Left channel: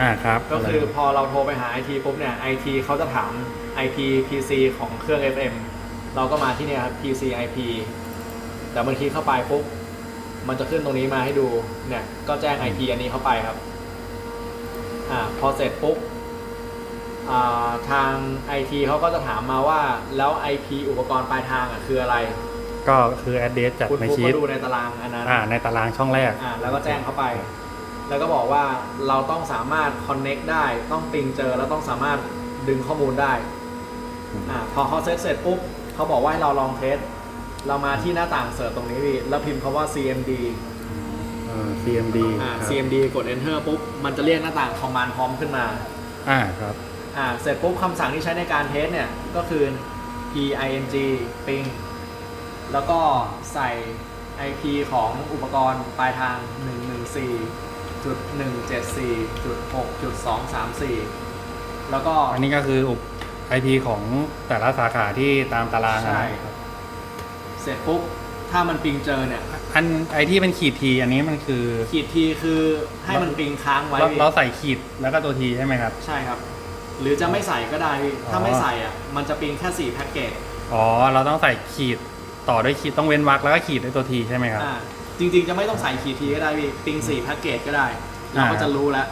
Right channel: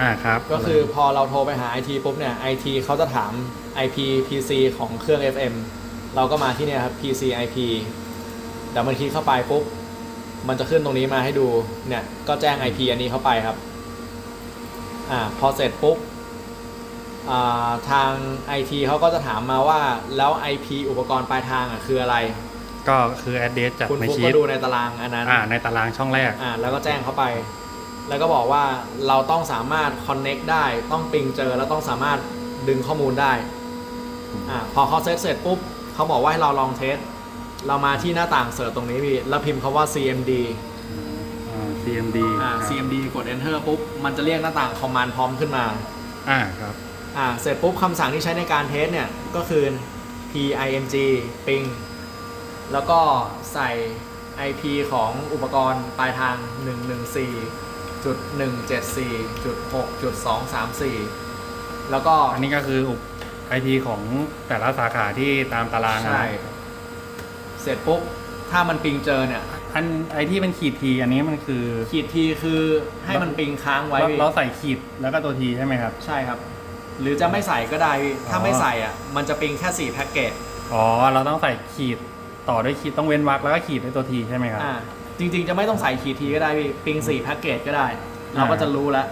อ่าครับก็คือพอเราโทรไปหา IT ปุ๊บเนี่ย IT เขาจะถาม IP PC ของเครื่อง FM เราก็มาที่เนี่ยครับ PC IP แต่เมื่อคีย์เข้าไปปุ๊บมันจะขึ้นตรงนี้มาให้ดูเนี่ยก็แจ้ง IP อันนี้เข้าไปครับอ่าพอเสร็จปุ๊บอ่าทาง IT เขาก็จะถามมาว่าแล้ว IP อุปกรณ์ปลายทางอะคืออะไร ก็คือ address จากคุณในฟุกชีก็ตดูในตารางอันนั้นอ่าในตารางช่องแรกอ่าแล้วก็แจ้งเข้าไป แล้วก็บอกว่าเราต้องสามารถ connect ได้ ต้องปิงเจอแล้วต้องสามารถดึงข้อมูลได้อืมอ่าพอเขาเซตเสร็จปุ๊บเขาบอกว่าให้เราลองเทส เรามาที่หน้าต่างเสิร์ชตรงนี้พี่ แล้วพิมพ์คำว่า CMD อ่า CMD อ่า ครับ CMD กด enter ปุ๊บ มันจะเรียกหน้าต่าง command พร้อมขึ้นมา อ่าครับ อ่า เสร็จปุ๊บคำสั่งที่ใช้ในการเทสเนี่ย ก็คือ ping ping แล้วก็ใส่ IP ของอุปกรณ์ปลายทาง 114.174.6.234แล้วก็อันนี้ก็คืออุป IP ของแต่ละสาขาที่ตามตารางอะใช่นะครับ เสร็จปุ๊บ ถ้ามันปิงเจอเนี่ย อันไอที่เป็นขีดทีอันนี้มันคือขีดทีคือให้มันปิงค้างไว้เราพี่เราใส่ขีดแล้วก็ตัวทีใช่ไหมครับ ใช่ครับ หรือจะไม่ใส่ก็ได้พี่ถ้าอ๋อไม่ใส่อะ มันจะปิงแค่4แพ็กเกจอ๋อเราต้องใส่ขีดต่อด้วยขีดต้องเว้นวรรคแล้วก็ขีดด้วยตัวทีใช่ไหมครับ อ่า จริงๆ จะไม่ต้องใส่ขีดทีก็ได้พี่ปิง4แพ็กเกจก็ได้เราก็อ่าจะรู้แล้ว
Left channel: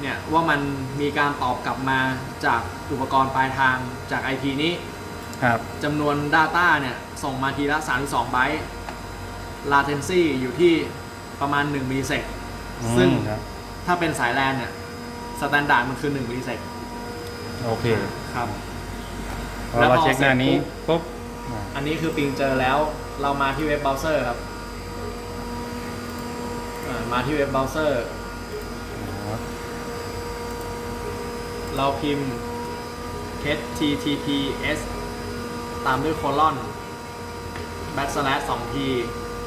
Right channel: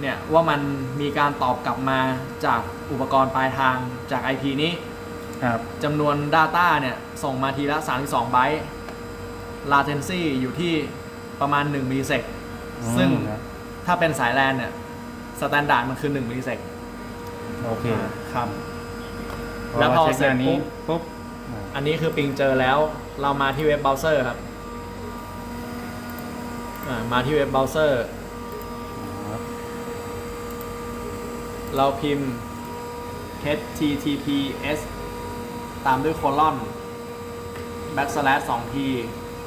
เนี่ยว่ามันมีการตอบกลับมาจากอุปกรณ์ปลายทางจาก IP นี้ครับจำนวน Data เนี่ย ส่งมาทีละ 32 ไบต์ latency อยู่ที่ประมาณ1มิลลิเซกอืมซึ่งครับถ้าเป็นสายแลนเนี่ยสแตนดาร์ดมันคือ1มิลลิเซกโอเคครับพอแล้วเราพอเช็คหน้านี้เสร็จปุ๊บปุ๊บอ่าอันนี้คือปิงเจอแล้วเรามาที่เว็บเบราว์เซอร์ครับ อ่ามาที่เว็บเบราว์เซอร์ ครับเราพิมพ์ https ตามด้วยโคลอน backslash 2 t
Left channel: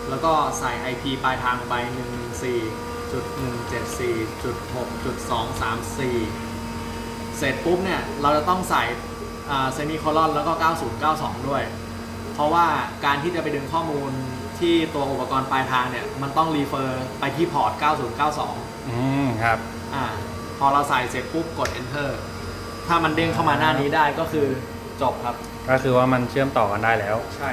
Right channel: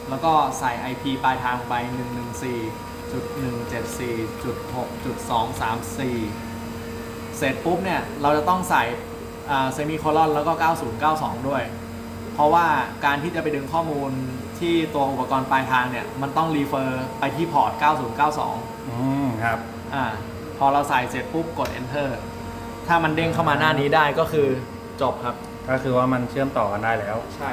แล้วก็ใส่ IP ปลายทางไป 114.174.6.234 เสร็จปุ๊บเนี่ย เราจะต้องใส่เซมิโคลอนแล้วก็ 9092 ด้วย เพราะว่าการที่จะไปดึงข้อมูลที่ตัวอุปกรณ์ปลายทางเนี่ย มันต้องรีเฟอร์ไปที่พอร์ต 9092 อืมครับอ่าพอเราใส่เสร็จปุ๊บกด enter ถ้ามันเด้งเข้ามาหน้านี้ได้ก็คือจบครับ ก็คือว่ามันเชื่อมต่อกันได้แล้ว ใช่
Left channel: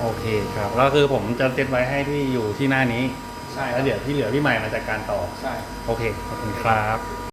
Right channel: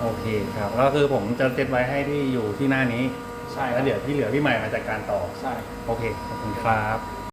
โอเคครับแล้วคือผมจะเซตไว้ให้ที่อยู่ที่หน้านี้ใช่แล้วเดี๋ยวที่เหลือพี่ใหม่มาจัดการต่อ ใช่ โอเคขอบคุณครับ